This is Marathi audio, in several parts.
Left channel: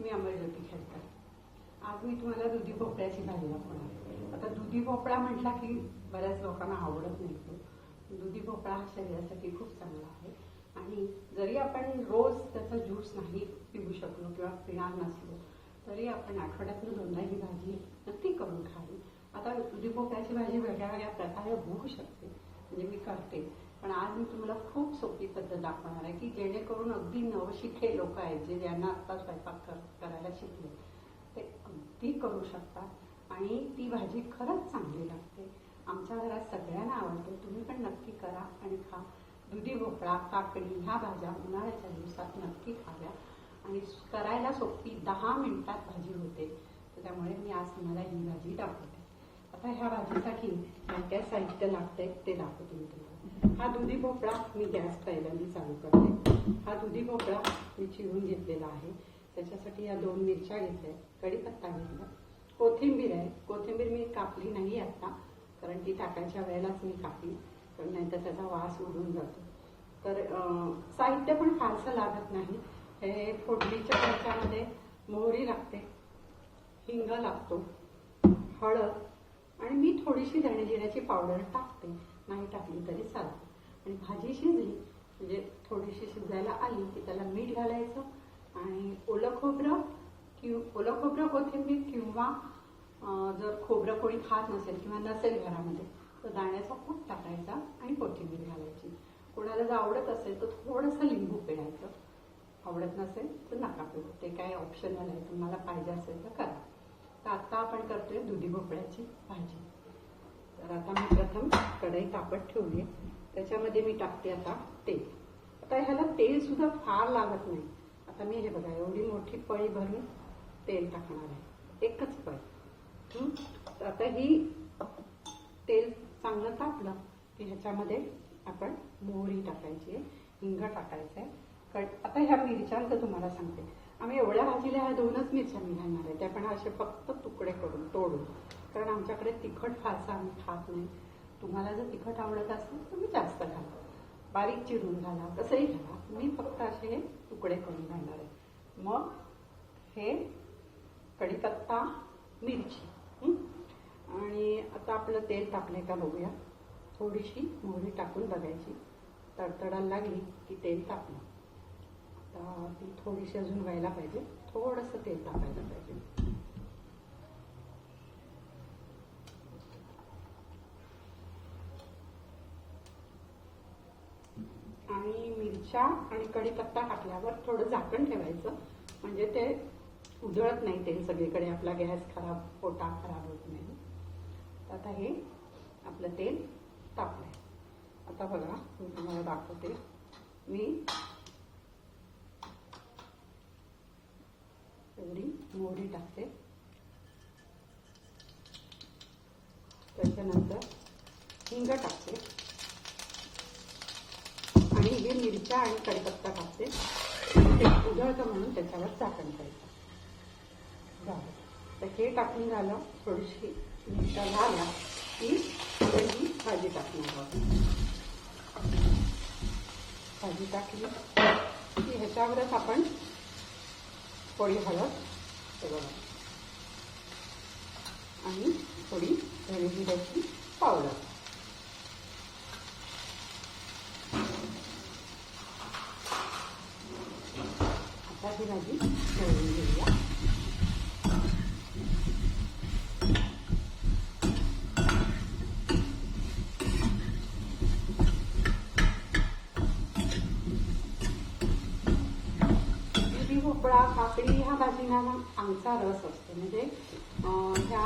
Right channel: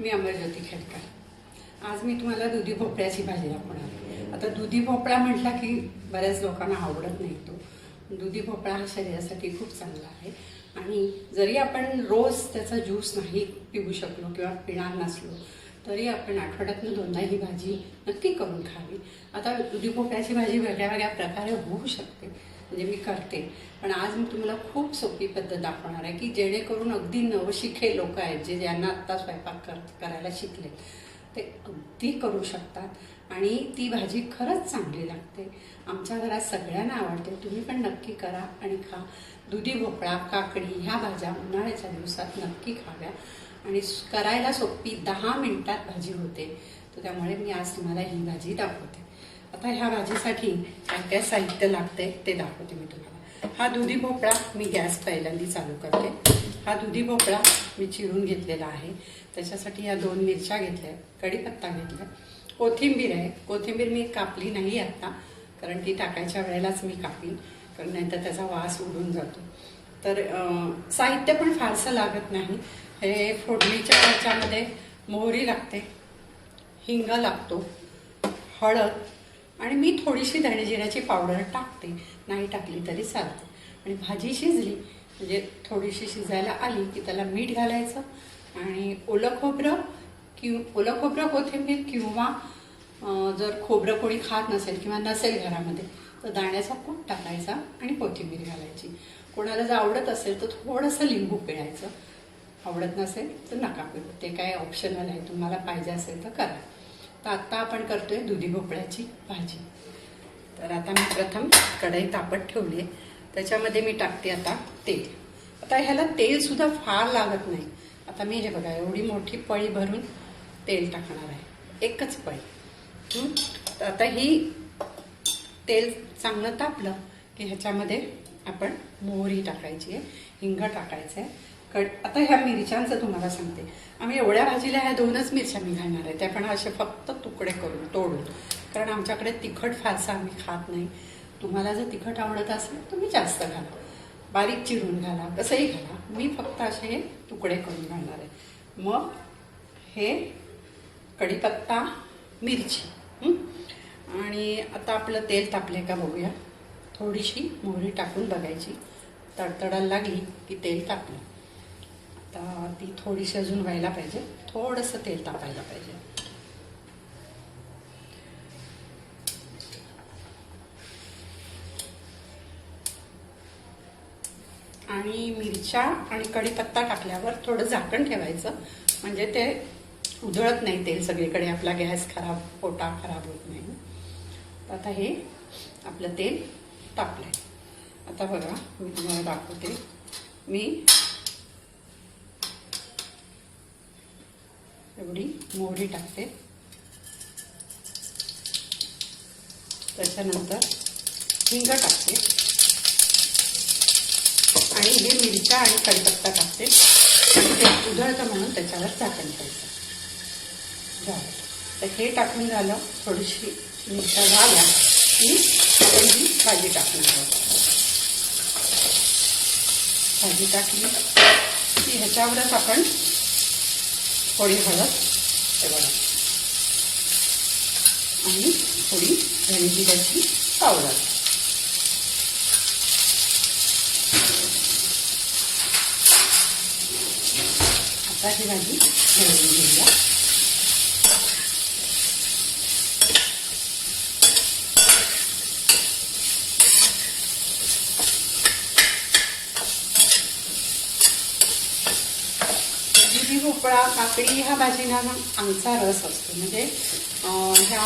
मी अमरज्योती खेडकर. आज मी तुम्हाला दुधी भोपळ्याची भाजी दाखवणार आहे. आता दुधी भोपळा म्हटला की बऱ्याच लोकांना आवडत नाही तो. दुधी भोपळा हा शरीरासाठी खूप चांगला आहे. आणि जरी आपण रोज त्याचा ज्यूस नाही पिऊ शकलो किंवा पिणार नसलो तरी आपण आठवड्यातनं दोनदा ही भाजी नक्की करून खावी. आता दुधी भोपळ्याची भाजी वेगळ्या वेगळ्या प्रकारे होऊ शकते. म्हणजे मी करते. पण आज मी तुम्हाला खूप सोपी पद्धत दाखवणार आहे की जेणेकरून अगदी नवशिखे लोक आहेत जे ज्यांना आत्ता स्वयंपाक कर करायला शिकले ते अगदी करू शकतात. आणि ती भाजी खरंच चांगली लागते. आमच्या घरात सगळ्यांना आवडते. तुम्ही पण नक्की करा आणि खा. दुधी भोपळा काकडी ह्या भाज्या उन्हाळ्याच्या दिवसात नक्की खाव्या. आणि करायला सोपी दहा मिनटात भाजी होते. तर त्यामुळे मी आज तुम्हाला ही भाजी दाखवते. आता ह्या भाजीसाठी काय काय साहित्य लागते ते दाखवते मी तुम्हाला. हा दुधी भोपळा मी गॅस पहिल्यांदा चालू करते. हा दुधी भोपळा मी चिरून घेतलेला आहे. त्याच्यासाठी या दोन मिरच्या घेतल्या कढीपत्ता घेतला. कोथिंबीर आहे. कोथिंबीर मी कापली नाही आत्ता कारण ती टाकायच्या वेळेलाच मी कापीन कारण नाहीतर त्याचा वास उडून जातो. तर साहित्य पण फारसं लागत नाही. हे फोडणीच्या ह्याच्यामध्ये मोहरी लागते हिंग लागतो हळद आणि मी थोडीशी धणेजिऱ्याची पावडर टाकते. नाही टाकली तरी चालते. आणि भाजी शिजली म्हणजे थोडीशी शिजायला आली की त्याला मीठ घालायचं आणि ओलं खोबरं किंवा ओलं खोबरं कोथिंबीर किंवा जर खोबरं कोणी खात नसेल किंवा नसेल घरामध्ये तर दाण्याचा कूट टाकायचा आणि कोथिंबीर घालायची. कोणाला जर आवडत असेल तर थोडंसं लिंबू पिळायचं. आवडत नसेल तर नका पिळू. ते काय ऑप्शनल आहे. तुम्हाला पाहिजे असेल तर करा. तर आत्ता आपण करतोय दुधी भोपळ्याची भाजी. तर आता मी प्रथम कढई तापत ठेवली आहे त्याच्यामध्ये मी टाकते आता तेल. आता ह्याला तेलसुद्धा फार लागत नाही. आता मी हे बघा एवढी मोठी पळी भरून तेल टाकणार आहे. एकच पळी. तर आता ही तेल चांगलं तापलं की ह्याच्यामध्ये आपण मोहरी टाकायची आहे हिंग टाकायचं आहे. कड आता ह्या मिरच्यांचं तुम्हाला सांगते. आम्ही एवढ्या भाजीला ह्या दोनच मिरच्या मी घालणार आहे त्या पण असे फक्त तुकडे करून तोडून. कारण आमच्याकडे तिखट फारसं आम्ही खात नाही. तुम्हाला जर तिखट आवडत असेल तुम्ही जास्त घाला. बारीक चिरून घाला कसंही घाला. मी फक्त असे हे तुकडे करून घालणार आहे. मग हे कढीपत्ता मिरची आणि आता आपलं तेल तापले का बघूया. थोडीशी मोहरी टाकून बघायची. तडतडायला लागली की तेल तापलं. आता ती थोडीशी अजून व्हायला पाहिजे. थोडंसं तेल तापायला पाहिजे. आणि मिरच्या आणि कढीपत्ता टाकल्यावर थोडं झाकण ठेवायचं. म्हणजे ते उधळत नाही तेल सगळीकडे. आपला गॅस खराब पोटा खराब होत नाही. आता हे आपलं तेल तापलंय. आता बघा मी तुम्हाला दाखवते. मी एवढी मोहरी टाकते. त्याच्यानंतर हिंग टाकते. आणि हे मिरच्या आणि कढीपत्ता टाकते. ते उधळतं म्हणून त्याच्यावर झाकण करायचं झालं. तर हे टाकून झालं थोडीशी मिरच्या झाल्या की आपण ही भाजी टाकून घ्यायची भाजी टाकली की ह्याच्यावरच आपण थोडी हळद हे बघा आणि थोडी धणेजिऱ्याची पावडर आता ही भाजी घालून घेऊया दुधी भोपळा काकडी ह्या भाजीना ना आमचा रस असतो. म्हणजे ह्या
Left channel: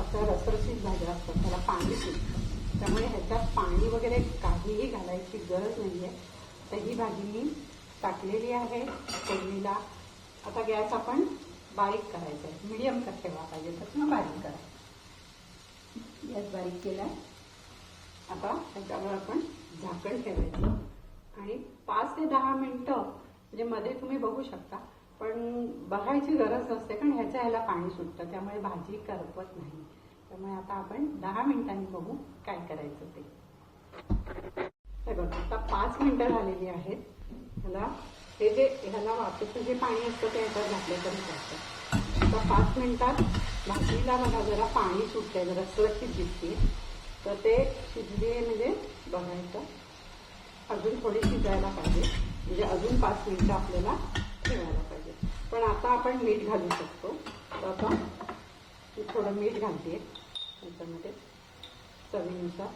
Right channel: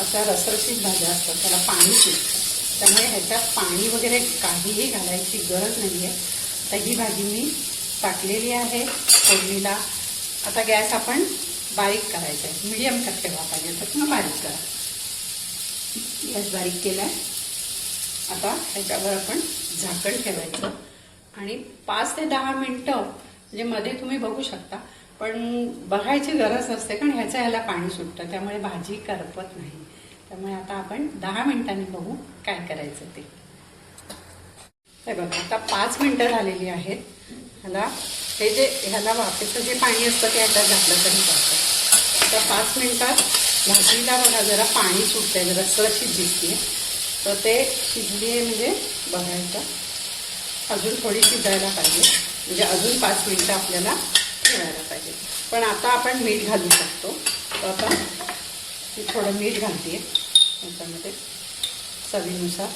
अशा रसरशीत भाज्या असतात त्याला पाणी सुटतं त्यामुळे ह्याच्यात पाणी वगैरे काहीही घालायची गरज नाही आहे तर ही भाजी मी टाकलेली आहे फोडणीला. आता गॅस आपण बारीक करायचा आहे. मिडियम का ठेवा पाहिजे तर मग बारीक करा. गॅस बारीक केला आहे आता ह्याच्यावर आपण झाकण ठेवायचं. आणि पाच ते दहा मिनटं म्हणजे मध्ये तुम्ही बघू शकता पण बघायची गरज नसते कारण ह्याचं ह्याला पाणी सुटतं त्यामुळे भाजी करपत नाही. त्यामुळे आता आपण दहा मिनिटांनी बघू काय करायचं ते. हे बघा आता पाच मिनटं झालेली आहेत. ह्याला हे जे ह्याला वाफेचं जे पाणी असतं ते ह्याच्यात घातलं तरी चालतं. तर पाच मिनिटात भाजीला बघा जरा पाणी सुटतंय जरा सुरक्षित दिसते. तर ते शिजली आहे म्हणजे बघायचं. अजून थोडी शिजायला पाहिजे. म्हणजे अजून पाच मिनिटं आपल्याला ठेवायला पाहिजे. पण आता आपण मीठ घालू शकतो. तर आता मी थोडं मीठ घालते त्याच्यामध्ये चवीनुसार.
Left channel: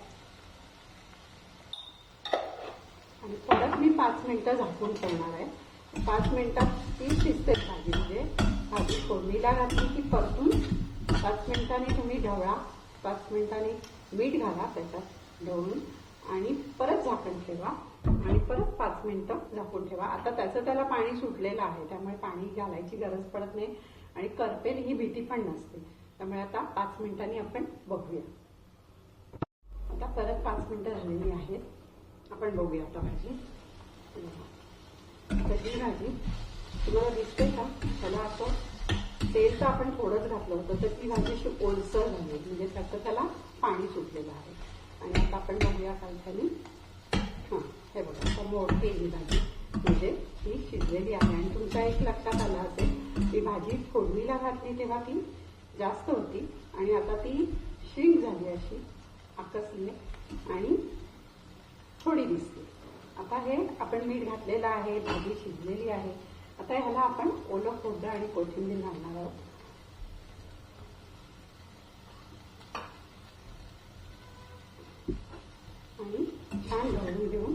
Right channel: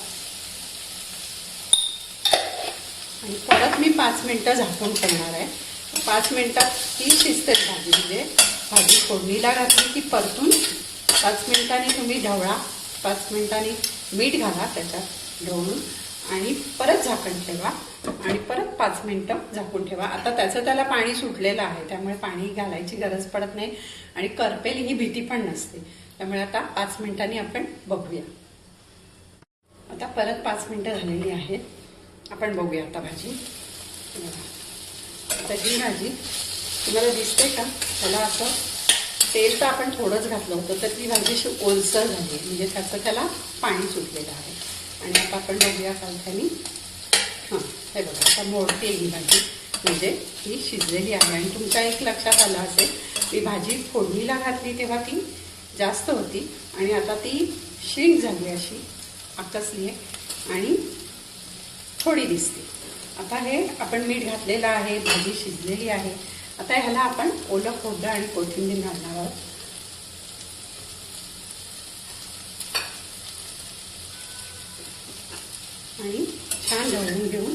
आणि परत मी पाच मिनटं झाकून ठेवणार आहे. पाच मिनटात ती शिजते भाजी. म्हणजे भाजी फोडणीला घातली की परतून पाच मिनिटांनी तुम्ही ढवळा पाच मिनिटांनी मीठ घाला त्याच्यात ढवळून आणि परत झाकण ठेवा. आणि परत पाच मिनटं झाकून ठेवा. आता त्याचं त्याला पाणी सुटलेलं आहे त्यामुळे पाणी घालायची गरज पडत नाही. आणि करपेल ही भीती पण नसते. त्यामुळे आता पाच मिनिटांनी आपण बघूया. आता परत पाच मिनटं झालेली आहेत. आपण बघूया आता भाजी. आता ही भाजी तुम्हाला दिसते का? त्याला असं तेल तर आपण थोडंच घातलं होतं तर ती भाजी अशी ओलसर झाली आहे. म्हणजे त्याचं त्याला पाणी सुटलेलं आहे. आणि आता आपण बघूया सावधानी हां हे बघा आता मोडते ही भाजी. म्हणजे ही शिजलेली आहे. आणि तुमच्या एक लक्षात आलं असेल मी भाजी फोडणीला घातली तेव्हा ती जास्त होती. आणि आता ती श्रिंक झाली अशी. आकसली आहे आणि थोडी दिसते. आता हे आपण मीठ घातलेलं आहे भाजी शिजलेली आहे. आता ह्याला आपण ओलं खोडं आणि कोथिंबीर घालणार आहोत. आणि छान ढवळून घेऊन.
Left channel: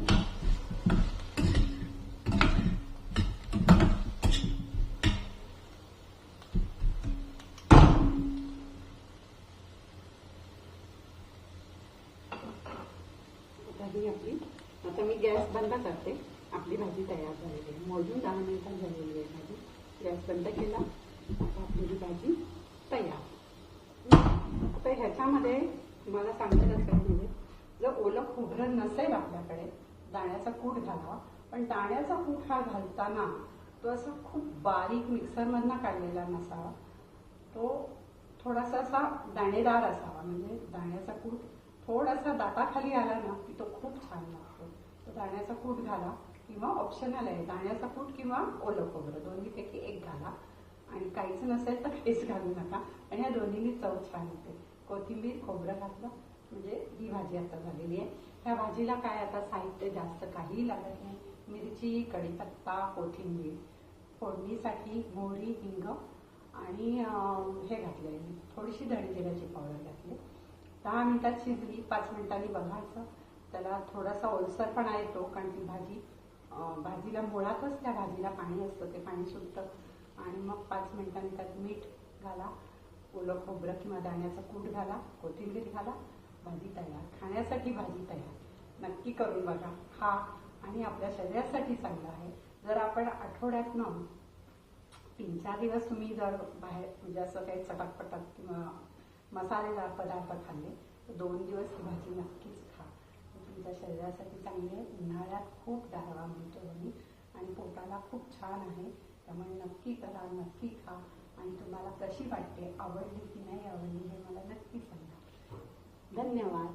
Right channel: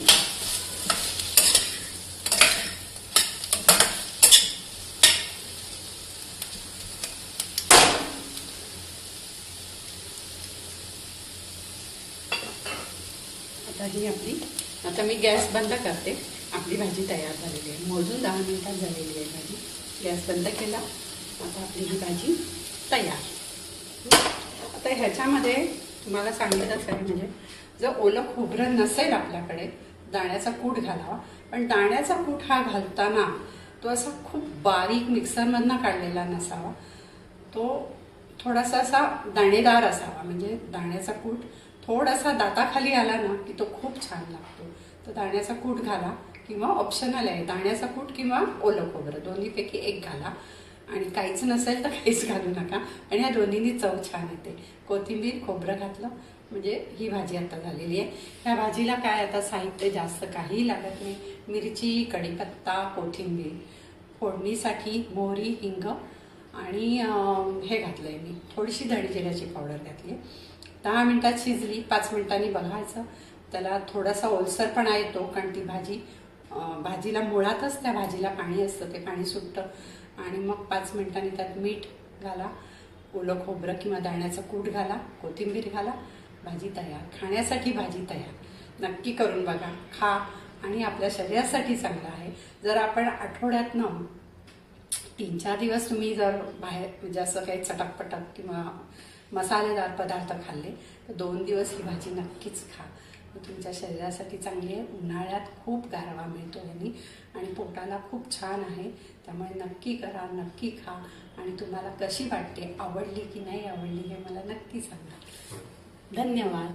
आता ही आपली आता मी गॅस बंद करते. आपली भाजी तयार झालेली आहे. मोजून दहा मिनिटात झालेली आहे भाजी. गॅस बंद केला. आता आपली ही भाजी तयार. आता ह्याच्यामध्ये तुम्हाला सांगितलंच आहे म्हणजे जर ओलं खोबरं नसेल आपल्याकडे दाण्याचा कूट घालावा. पण दाण्याचा कूट हा घालताना तो असा खूप बारीक मिक्सरमधनं काढलेला नसावा. तो थोडासा असा दाणेदार असावा म्हणजे दाण्याचा कूट थोडासा दाताखाली आला ना की तो खूप छान लागतो. तर दाण्याचा कूट घाला किंवा ऑप्शनल आहे. दाण्याचा कूट किंवा ओलं खोबरं दोन्हीपैकी एक घाला. आणि काहीच नसेल तर काहीच घालू नका. आणि ह्या दोन्हीनी चव छान येते. कोथिंबीर खोबरं घातलं. म्हणजे ही भाजी आता झालेली आहे. ह्या भाजीला काय आता साहित्य जास्त काहीही लागत नाही. मिरची कढीपत्ता कोथिंबीर फोडणीसाठी मोहरी हिंग आणि हे घातलं आहे मी. थोडीशी धणी जिऱ्याची पावडर घातली आहे. दहा मिनटात शिजली पाच मिनिटांनी बघायचं. त्याला थोडासा ओलसरपणा येतो कारण ती भाजी भाजीला मुळातच त्या भाजीला पाणी असतं ते पाणी सुटतं. आणि मग पाच मिनिटांनी त्यात मीठ घाला ओलं खोबरं किंवा दाण्याचा कूट घाला कोथिंबीर घाला भाजी तयार खाण्यासाठी भाजी तयार. नक्की करून बघा. खा आणि आपल्या शरीरासाठी चांगलं आहे. जर आपण आठवड्यातनं तीन चार दिवस तुम्ही जर बाहेर म्हणजे असं काही चटकपटक किंवा मसालेदार पदार्थ खाल्ले तर दोन दिवस ही भाजी नक्कीच खा. तुमच्या शरीरासाठी चांगली आहे. उन्हाळ्यात खूप गारवा मिळतो यांनी आणि पोटाला खूप छान आहे. त्यामुळे नक्की करा नक्की खा आणि तुम्हाला कशी वाटते आवडली की नाही आवडली हे मला नक्की सांगा. धन्यवाद.